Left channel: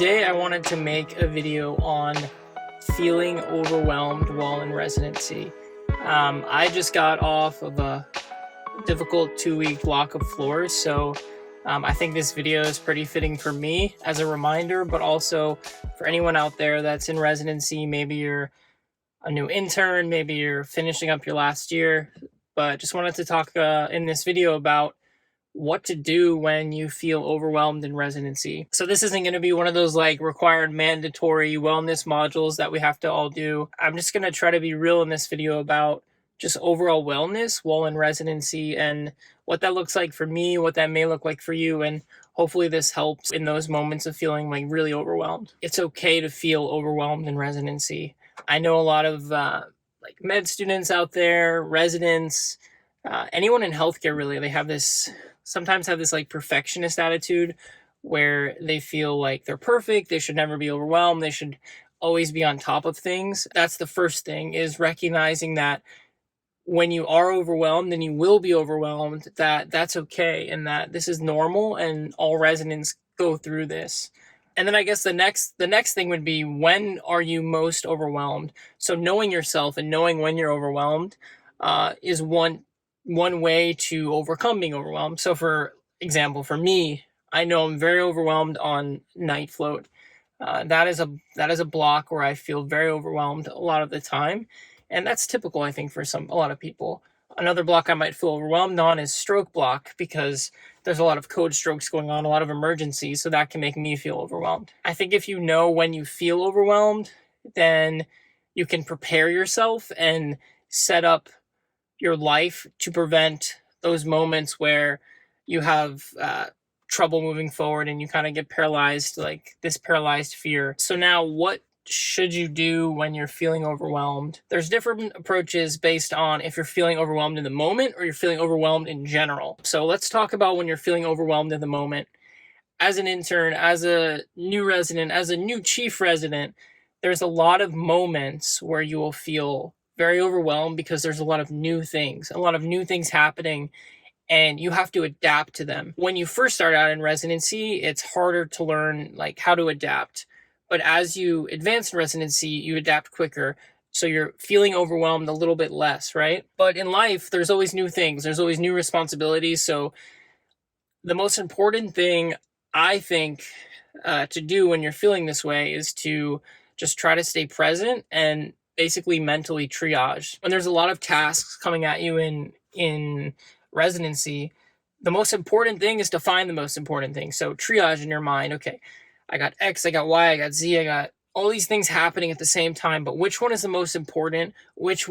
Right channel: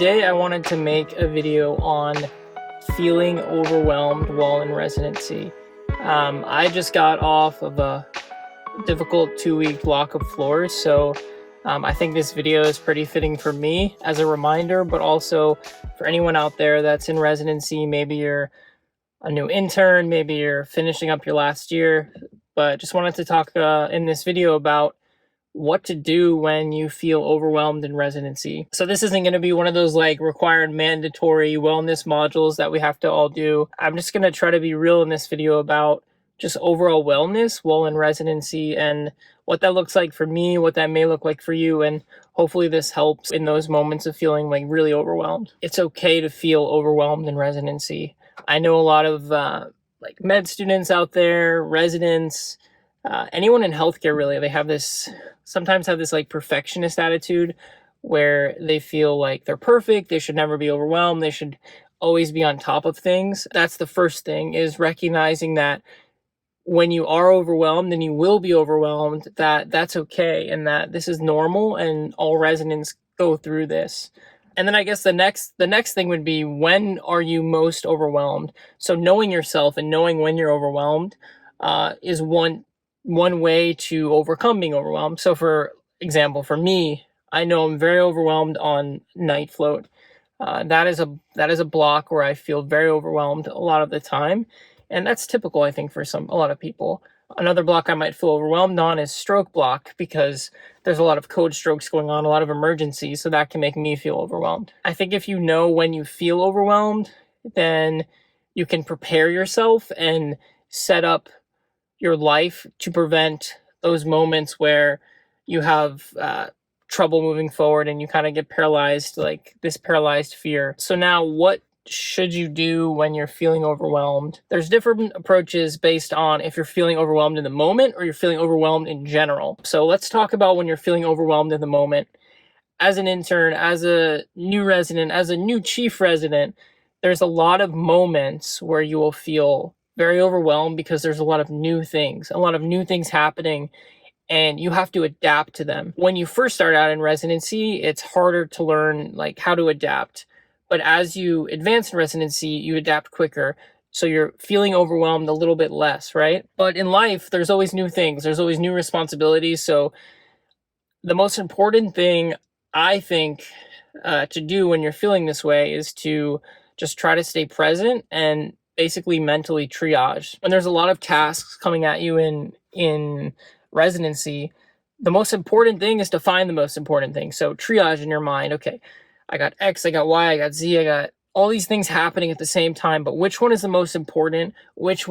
Today I wanted to make a video on feeling overwhelmed while in residency. I just got off of a difficult 2-week block of floors, so I think this video is pretty fitting for me as a reminder, but also for anyone out there that's in residency. Maybe you're a new intern, maybe you're finishing up your last year, but just wanted to talk in this video about what to do when you feel overwhelmed in residency. So this isn't going to be one of those like required mandatory wellness modules that we have to all do. I'm just going to try to be real in this video about just overall wellness while in residency and what that looks like for me, what that may look like for you, and hopefully this helps in those moments of feeling like really overwhelmed. It's okay to feel overwhelmed in residency. I know a lot of like med students out there, residents, anyone in healthcare really, they sometimes have this like perfectionist attitude where they feel like they're perfect, they should never be overwhelmed, they should always be on top of things. That's the first thing, is recognizing that when you are overwhelmed and you will be overwhelmed, that's okay and that this is normal and all residents go through this. And then I guess the next thing would be, when are you most overwhelmed? So knowing yourself and knowing when you're overwhelmed is one way to overcome being overwhelmed. So for example, for me, I know I'm very overwhelmed on night float. That is a block where I feel very overwhelmed a lot of the time. And that's typical, I think, for a lot of people. Another block I might feel overwhelmed on is stroke block, because there's a lot of code strokes going on, a lot of emergencies, so that can make me feel overwhelmed. I think if you know when you feel overwhelmed, then you can prepare yourself and set up your life to prevent those moments where you have trouble moving forward and you kind of get paralyzed, like this paralyzed fear. So now what should you do when you're feeling overwhelmed? There's different approaches based on if you're feeling overwhelmed in the moment or you're feeling overwhelmed in general. So let's talk about when you're feeling overwhelmed in the moment. As an intern, as a new resident, as a new chief resident, there's a lot of moments where you will feel very overwhelmed because there's a lot of new things happening, and you have to adapt to them. When you first start out in residency, it's harder to learn like how to adapt. But as you advance in residency, you adapt quicker. So you're feeling overwhelmed a little bit less, right? But in life, there's always new things. There's always new responsibilities. So the most important thing, I think, to do when you're feeling this way is to just try to stay present and basically mentally triage. When there's a lot of tasks coming at you in residency, the most important thing is to find the most important thing. So triage in your mind. Okay, I got X, I got Y, I got Z, I got all these things happening at the same time, but which one is the most important? Which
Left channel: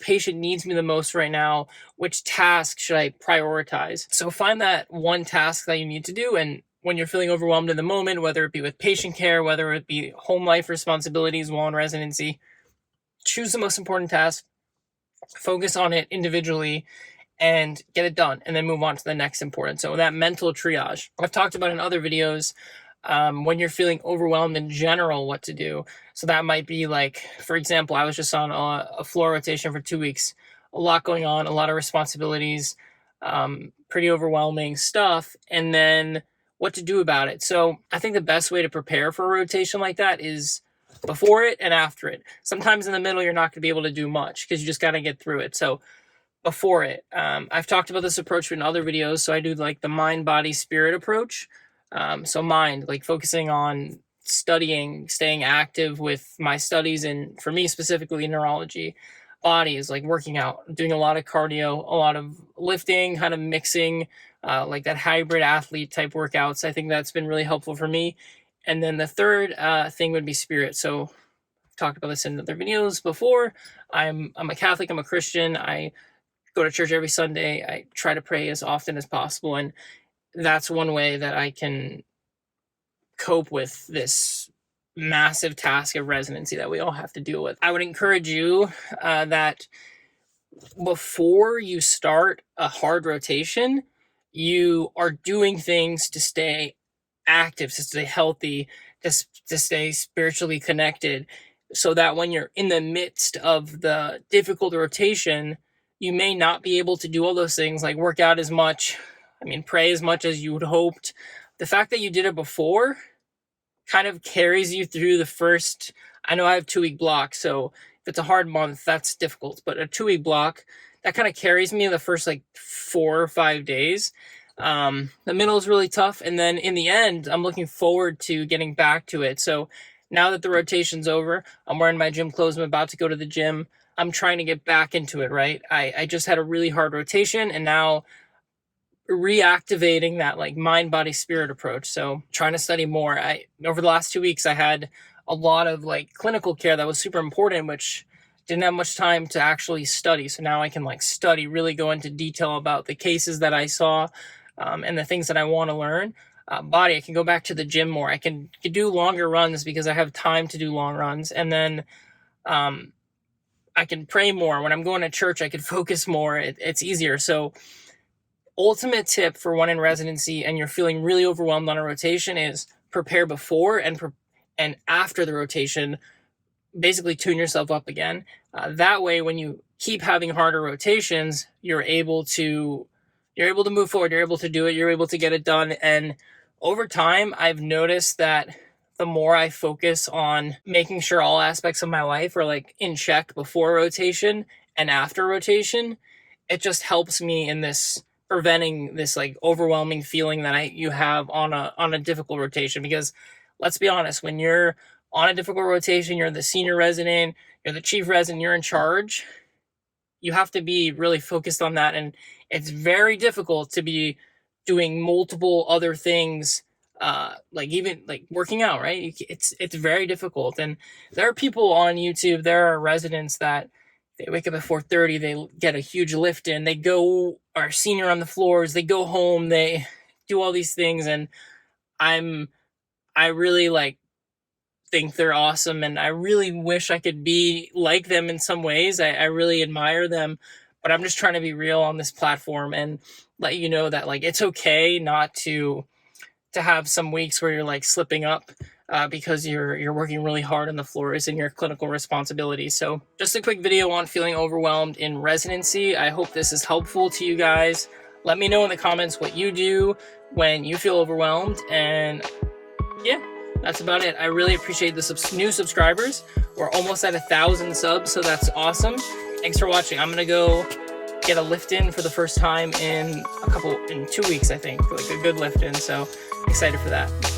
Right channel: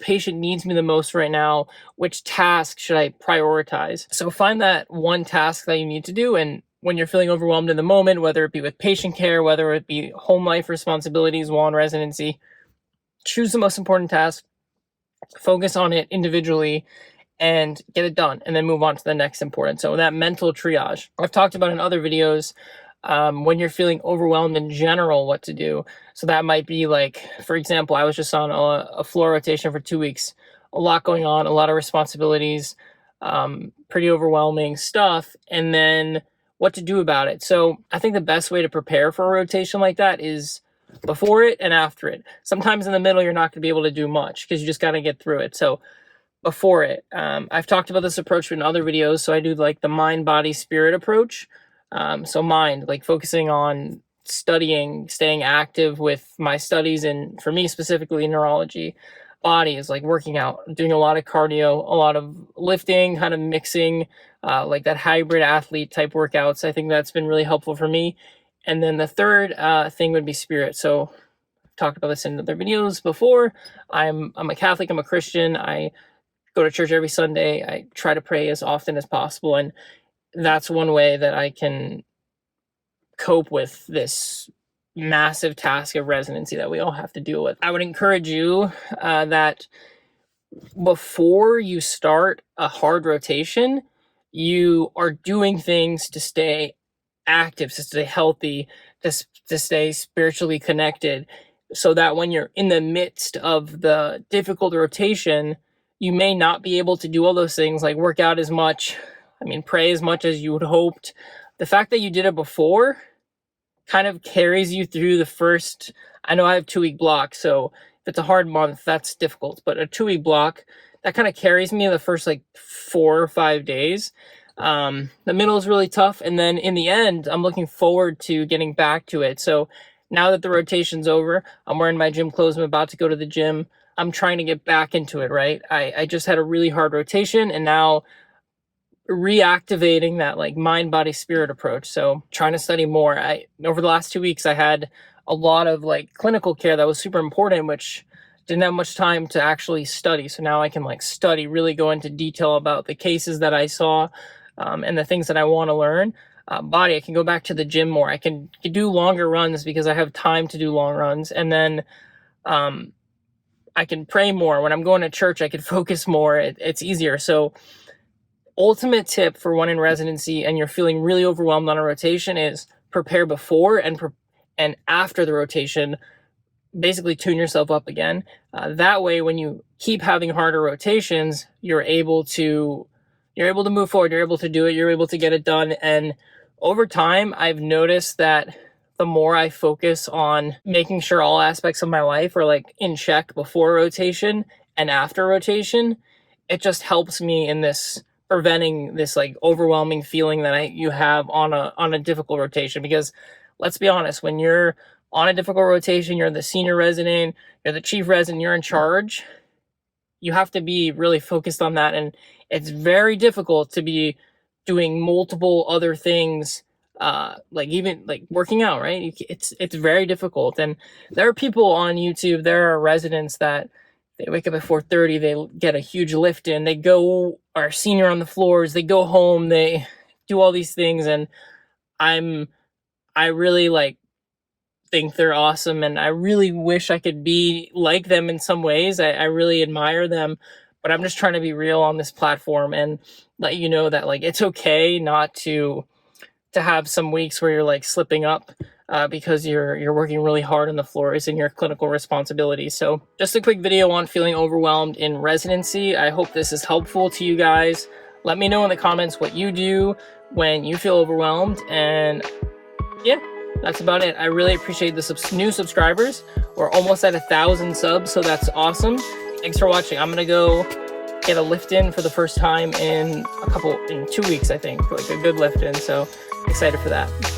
patient needs me the most right now? Which task should I prioritize? So find that one task that you need to do, and when you're feeling overwhelmed in the moment, whether it be with patient care, whether it be home life responsibilities while in residency, choose the most important task, focus on it individually, and get it done, and then move on to the next important. So that mental triage, I've talked about in other videos, when you're feeling overwhelmed in general, what to do. So that might be like, for example, I was just on a floor rotation for 2 weeks, a lot going on, a lot of responsibilities, pretty overwhelming stuff, and then what to do about it. So I think the best way to prepare for a rotation like that is before it and after it. Sometimes in the middle, you're not going to be able to do much because you just got to get through it. So before it, I've talked about this approach in other videos. So I do like the mind, body, spirit approach. So mind, like focusing on studying, staying active with my studies, and for me specifically neurology. Body is like working out, doing a lot of cardio, a lot of lifting, kind of mixing like that hybrid athlete type workouts. I think that's been really helpful for me. And then the third thing would be spirit. So I've talked about this in other videos before. I'm a Catholic, I'm a Christian. I go to church every Sunday. I try to pray as often as possible. And that's one way that I can cope with this massive task of residency that we all have to deal with. I would encourage you that before you start a hard rotation, you are doing things to stay active, to stay healthy, to stay spiritually connected, so that when you're in the midst of the difficult rotation, you may not be able to do all those things, like work out as much, pray as much as you would hoped. The fact that you did it before kind of carries you through the first, I know I have 2-week blocks, so if it's a hard month, that's difficult, but a 2-week block, that kind of carries me the first like 4 or 5 days. The middle is really tough, and then in the end, I'm looking forward to getting back to it. So now that the rotation's over, I'm wearing my gym clothes, I'm about to go to the gym, I'm trying to get back into it, right? I just had a really hard rotation, and now reactivating that like mind, body, spirit approach. So trying to study more. Over the last 2 weeks, I had a lot of like clinical care that was super important, which didn't have much time to actually study. So now I can like study, really go into detail about the cases that I saw, and the things that I want to learn. Body, I can go back to the gym more. I can do longer runs because I have time to do long runs. And then I can pray more. When I'm going to church, I can focus more. It's easier. So ultimate tip for one in residency and you're feeling really overwhelmed on a rotation is prepare before and after the rotation. Basically tune yourself up again. That way, when you keep having harder rotations, you're able to move forward. You're able to do it. You're able to get it done. And over time, I've noticed that the more I focus on making sure all aspects of my life are like in check before rotation and after rotation, it just helps me in this preventing this like overwhelming feeling that you have on a difficult rotation. Because let's be honest, when you're on a difficult rotation, you're the senior resident, you're the chief resident, you're in charge, you have to be really focused on that. And it's very difficult to be doing multiple other things, like even like working out, right? It's very difficult. And there are people on YouTube, there are residents that they wake up at 4:30, they get a huge lift in, they go, are senior on the floors, they go home, they do all these things. And I really like think they're awesome, and I really wish I could be like them in some ways. I really admire them, but I'm just trying to be real on this platform and let you know that like it's okay not to have some weeks where you're like slipping up, because you're working really hard on the floors in your clinical responsibilities. So just a quick video on feeling overwhelmed in residency. I hope this is helpful to you guys. Let me know in the comments what you do when you feel overwhelmed. And yeah, that's about it. I really appreciate the new subscribers. We're almost at 1,000 subs, so that's awesome. Thanks for watching. I'm gonna go get a lift in for the first time in 2 weeks, I think, like a good lift in. So excited for that.